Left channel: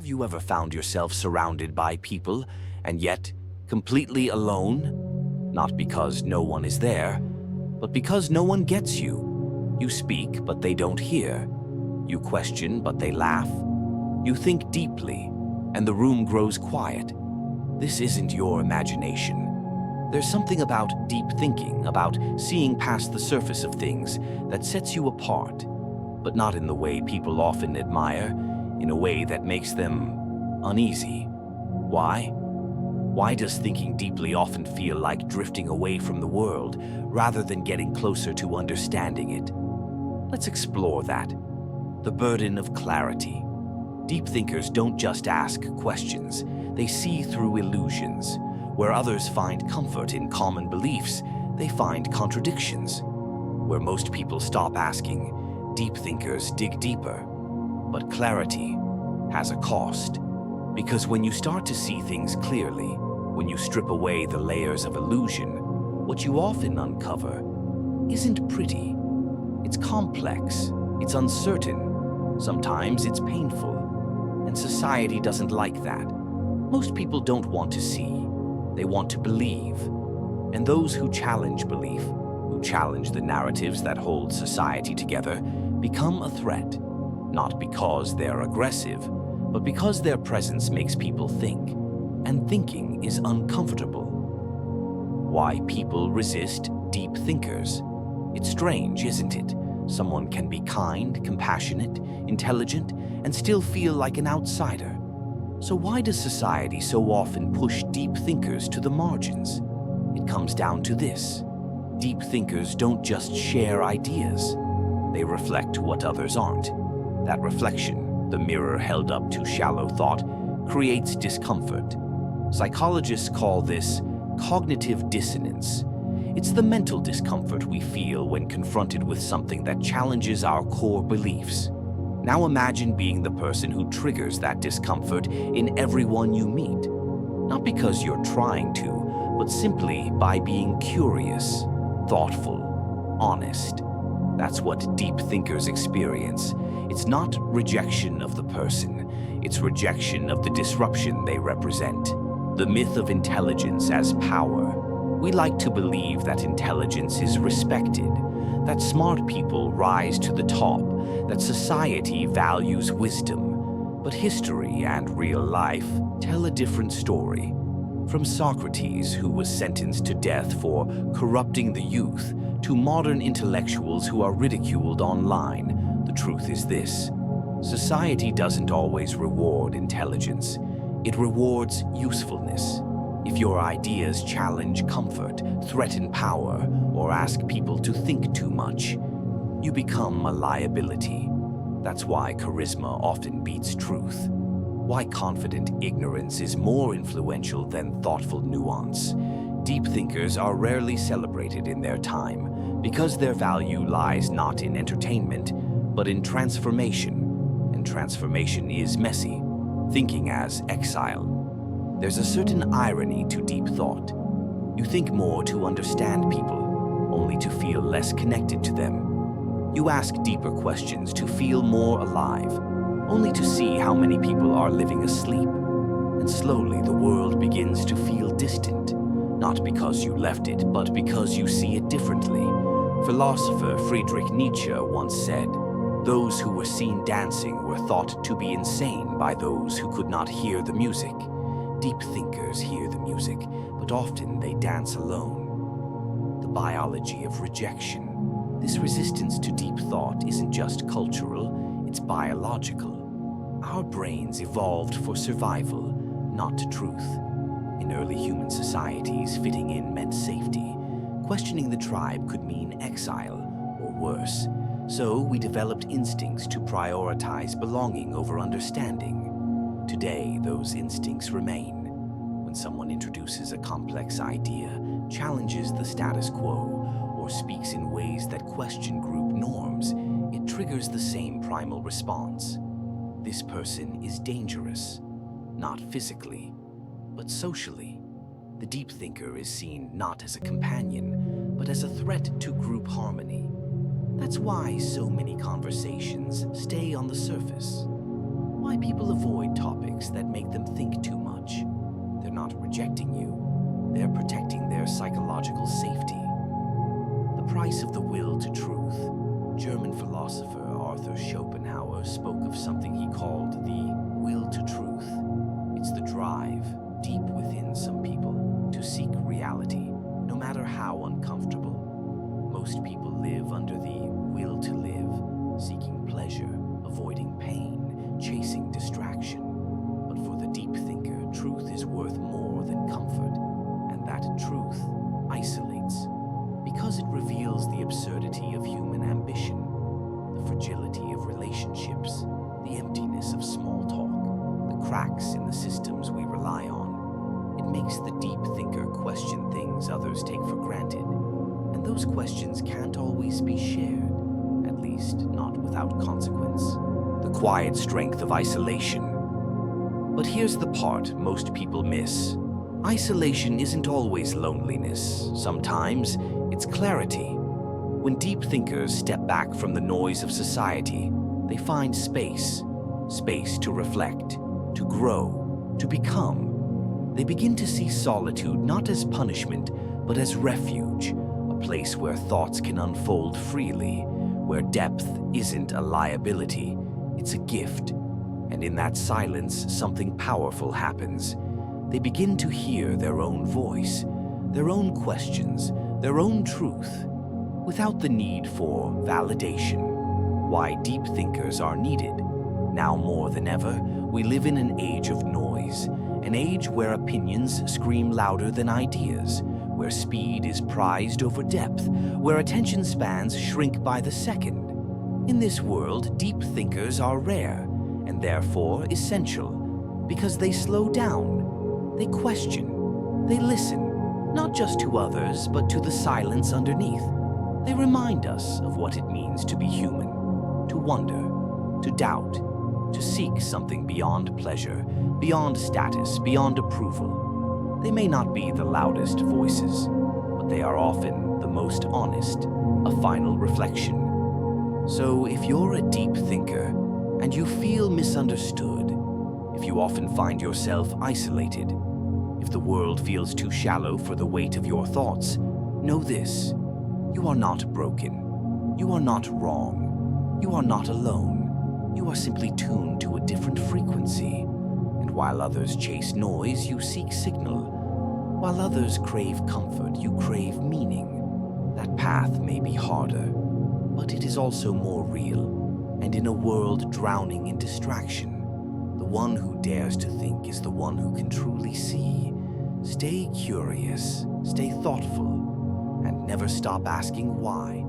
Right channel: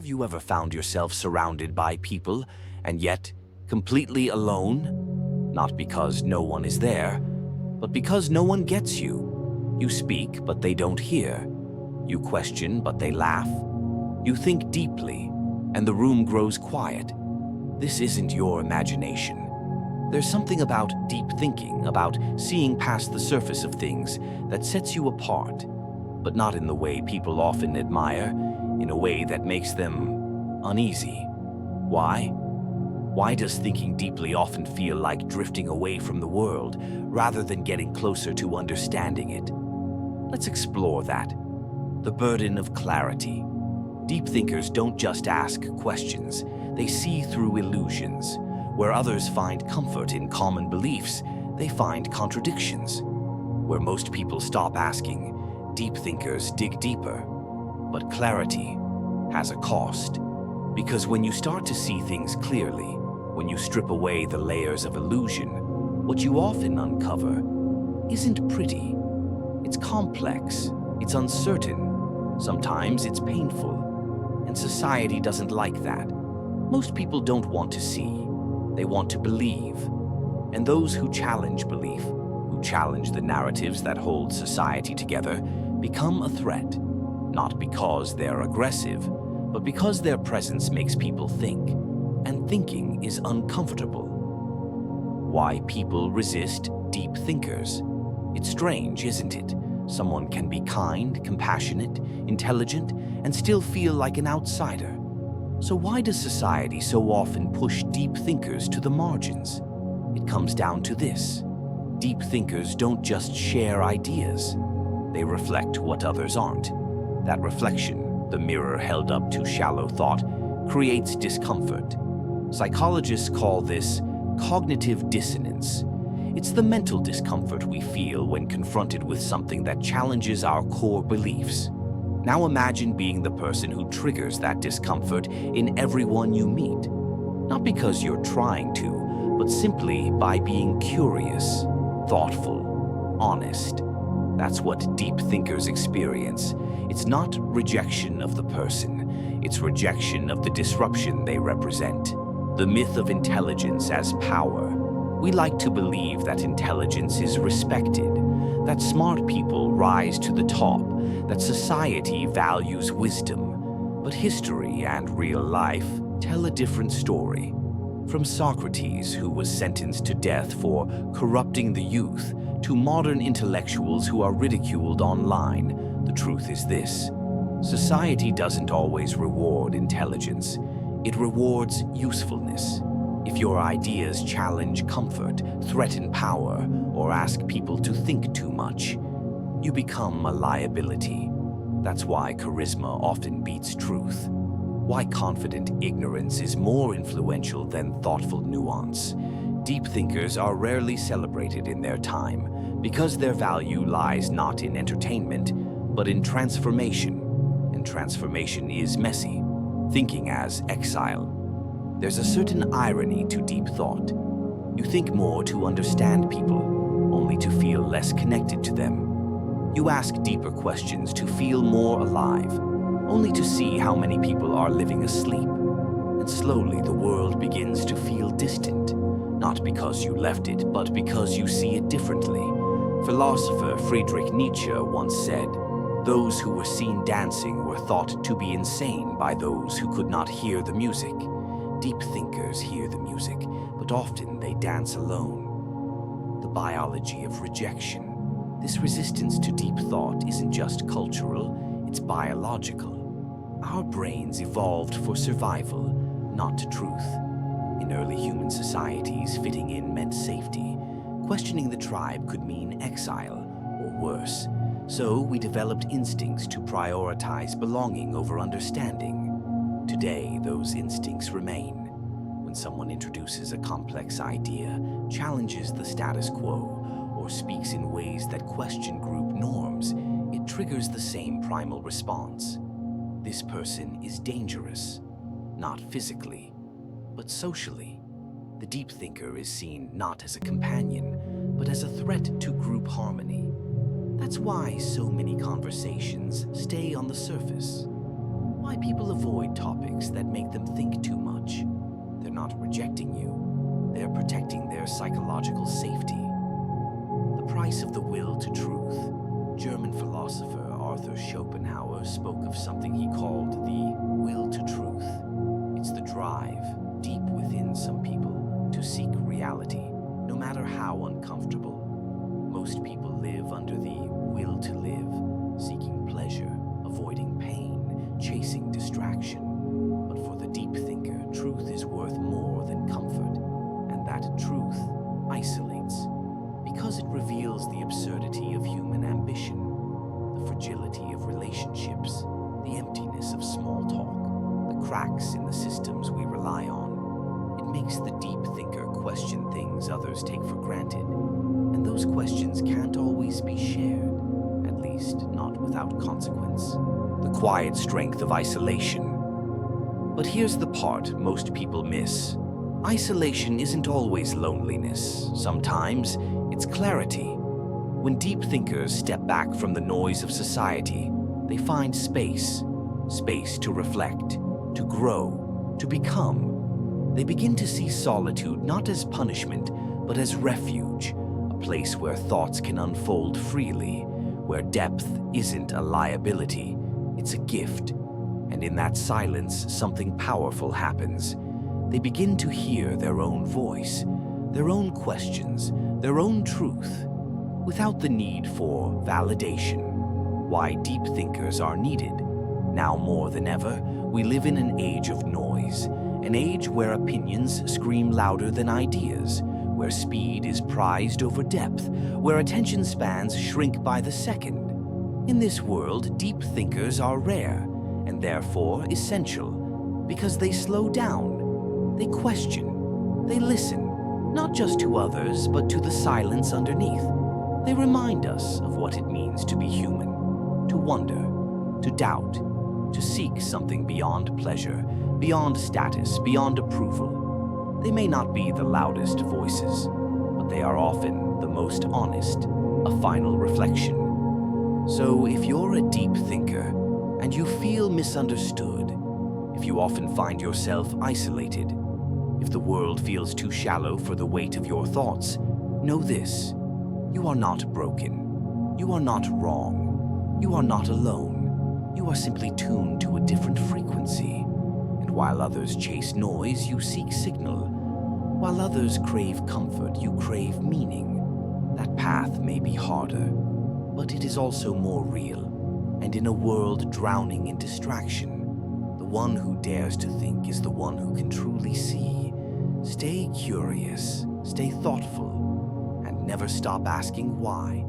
Have you ever found yourself surrounded by people and yet completely alone? Not because no one is there, but because no one gets you. You speak, but they don't hear. You question, but they laugh. You think deeply, and the room grows quiet. This isn't your imagination. There's something about deep thinking, about seeing past the surface of things, that sets you apart, but not in the way people often admire, in a way that makes them uneasy. Why? Why does thinking deeply often feel like drifting away from the world rather than getting closer to understanding it? Let's explore that. The burden of clarity. Deep thinkers don't just ask questions, they see through illusions. Where others find comfort in common beliefs, they find contradictions. Where most people stop asking, deep thinkers dig deeper. But clarity has a cost. Because when you start to see things clearly, when you strip away the layers of illusion, what you often uncover isn't pretty. It's complex, it's uncertain, sometimes it's painful. And society doesn't like that. Most people don't want to see, they want to believe. And those who challenge belief, who challenge the narratives that hold society together, become a threat. Not because they're aggressive, but because their presence makes people think, and thinking is uncomfortable. Why people resist deep thinkers? It's strange, isn't it? Someone can be kind, compassionate, intelligent, and still feel like an outsider. So why does society so often push deep thinkers to the margins? It comes down to this. Deep thinkers don't just share ideas. They reflect what others aren't. That reflection, the mirror held up to shallow thought, creates discomfort. Psychologists call this cognitive dissonance. It's the mental discomfort we feel when confronted with something that challenges our core beliefs. Now imagine being the person who triggers that discomfort in everyone you meet. Not because you're trying to, but simply by being curious, thoughtful, honest. That's what deep thinkers experience. It's not rejection of the person, it's rejection of the disruption they represent. The myth of intelligence as power. We like to believe that intelligence is respected, that smart people rise to the top, that society values wisdom. But history and real life tell a different story. From Socrates, who was sentenced to death for corrupting the youth, to modern intellectuals who are ridiculed online, the truth is this: society doesn't always reward intelligence. It rewards usefulness. If your ideas challenge comfort, threaten power, or ask people to think too much, you become a liability. That's why charisma often beats truth. Why confident ignorance is more influential than thoughtful nuance. Deep thinkers are rarely celebrated in their time because their value lies not in entertainment, but in transformation. And transformation is messy, thinking as exile. There's a certain irony to deep thought. You think more to understand people, only to feel less connected to them. You ask deeper questions to feel more alive, only to see how many people are living asleep. And slowly the world begins to feel distant, not because you left it, but because you see it differently. Philosopher Friedrich Nietzsche once said, "Those who were seen dancing were thought to be insane by those who could not hear the music." Deep thinkers hear the music, but often they dance alone. The biology of rejection. This resistance to deep thought isn't just cultural, it's biological. Our brains evolved for survival, not to truth. In early human societies, fitting in meant safety. Questioning the tribe could mean exile, or worse. So we developed instincts to prioritize belonging over understanding. Today, those instincts remain. When someone introduces a complex idea, challenges the status quo, or speaks in ways that question group norms, it triggers the same primal response. This person is dangerous, not physically, but socially. The deep thinker is seen not as a companion, but as a threat to group harmony. That's why so many conversations stay on the surface. Why people avoid topics that make them think too much. They're not rejecting you, they're protecting their psychological safety. The price of the will to truth. German philosopher Arthur Schopenhauer spoke of something he called the will to truth. It's the drive, deep within some people, to seek reality, no matter how uncomfortable. Most people live under the will to live, seeking pleasure, avoiding pain, chasing distraction. But for the deep thinker, truth is worth more than comfort, and that truth isolates, because it reveals the absurdity of human ambition, the fragility of relationships, the emptiness of small talk, the cracks in the systems we rely on. It makes the deep thinker question things others take for granted, and those questions can't always be shared, at least not without consequence. The quiet strength of isolation. But here's the part most people miss. Isolation isn't always loneliness. Sometimes it's clarity. When deep thinkers step back from the noise of society, they find space. Space to reflect, to grow, to become. They begin to see solitude not as punishment, but as refuge, a place where thoughts can unfold freely, where depth isn't a liability, it's a gift. And in that silence, something powerful happens. They begin to hear their own voice, their own questions, their own truth, without the need for validation. Why deep thinkers are needed. Now more than ever, we live in an age of noise, an age where opinions scream louder than ideas, where speed is prized over depth, where attention spans shrink by the second. In this world, deep thinkers are rare, and therefore essential, because they slow down, they question, they listen, not just to others, but to the silence underneath. They remind us of what it means to be human, to wonder, to doubt, to seek something beyond pleasure, beyond status, beyond approval. They may not be the loudest voices, but they are often the most honest, a final reflection. So if you're a deep thinker, and you feel misunderstood, if you often find yourself isolated, if the world feels too shallow for the weight of your thoughts, know this: you are not broken. You are not wrong. You are not alone. You are simply tuned to a different frequency. And while others chase noise, you seek signal. While others crave comfort, you crave meaning. That path may be harder, but it is also more real. And in a world drowning in distraction, the one who dares to think is the one who can truly see. Stay curious, stay thoughtful, and never stop asking why.